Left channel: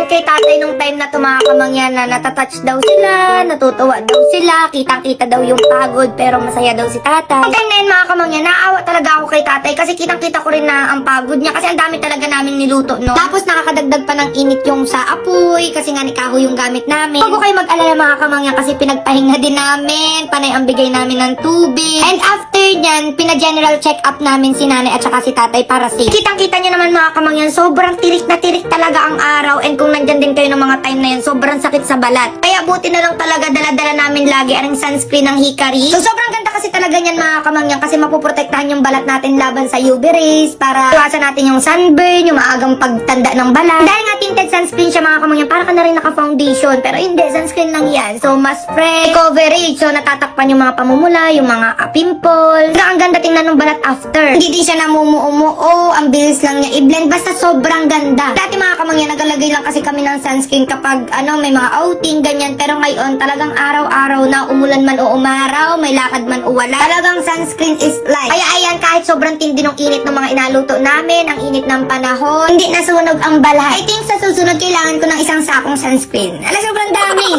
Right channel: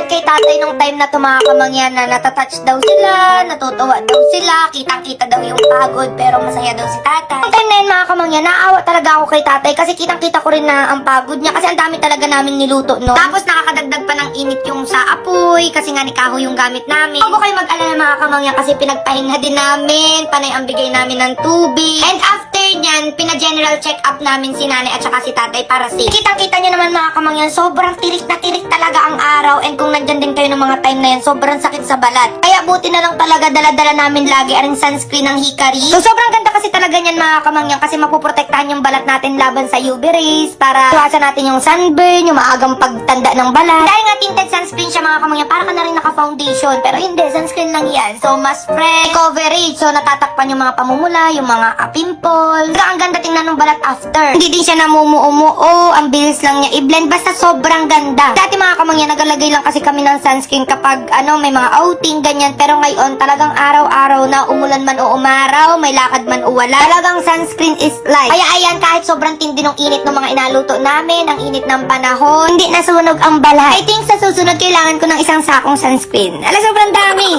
comment kay tatay nung time na mga kamangyan na natatouch daw sila, natutuwa daw sila, kitang-kita daw yung pagod pero masaya daw si tatay. Ang time na yun mga kamangyan, naawa talaga ako kay tatay kasi kitang-kita ko rin na ang pagod niya kasi ang dami talaga naming niluto, no? Tapos nakakadagdag pa ng init yung sa apoy kasi nga ni kahoy yung gamit namin. Huwag ko kayo mag-alala mga kamangyan kasi pinagpahinga din namin, panay ang bigay namin ng tubig. And after nyan, pina-general check-up namin si nanay at saka si tatay para safe. Kitang-kita nyo naman mga kamangyan, sobrang tirik na tirik talaga ang araw and kung nandyan din kayo ng mga time na yun, sobrang sakit sa balat. Kaya buti na lang talaga dala-dala namin lagi ang sunscreen ng Hikari. So sobrang ganda kasi talaga niyan mga kamangyan kasi mapuprotektahan yung balat natin laban sa UV rays para iwasan natin yung sunburn, yung maagang pagtanda ng balat. Dahil nga tinted sunscreen siya mga kamangyan, para ka na rin naka-foundation pero hindi, sunscreen lang yan. So mas fresh coverage, so natatakpan yung mga pamumula, yung mga pimples. Ang ganda tingnan ng balat after. Hindi din siya namumuo, ang bilis lang niya i-blend, basta sobrang ganda. Dati mga kamangyan, nagalagay lang kasi kami ng sunscreen kapag may mga outing, ganyan. Pero ngayon, talagang araw-araw na umulan man o umaraw, may lakad man o wala. Talagang sunscreen is life. Kaya ayan, kahit sobrang tindi ng init ng mga inaluto namin, ang init ng panahon, hindi nasunog ang balat. I think sa susunod, kailangan ko ng isang sakong sunscreen. Sobrang dami.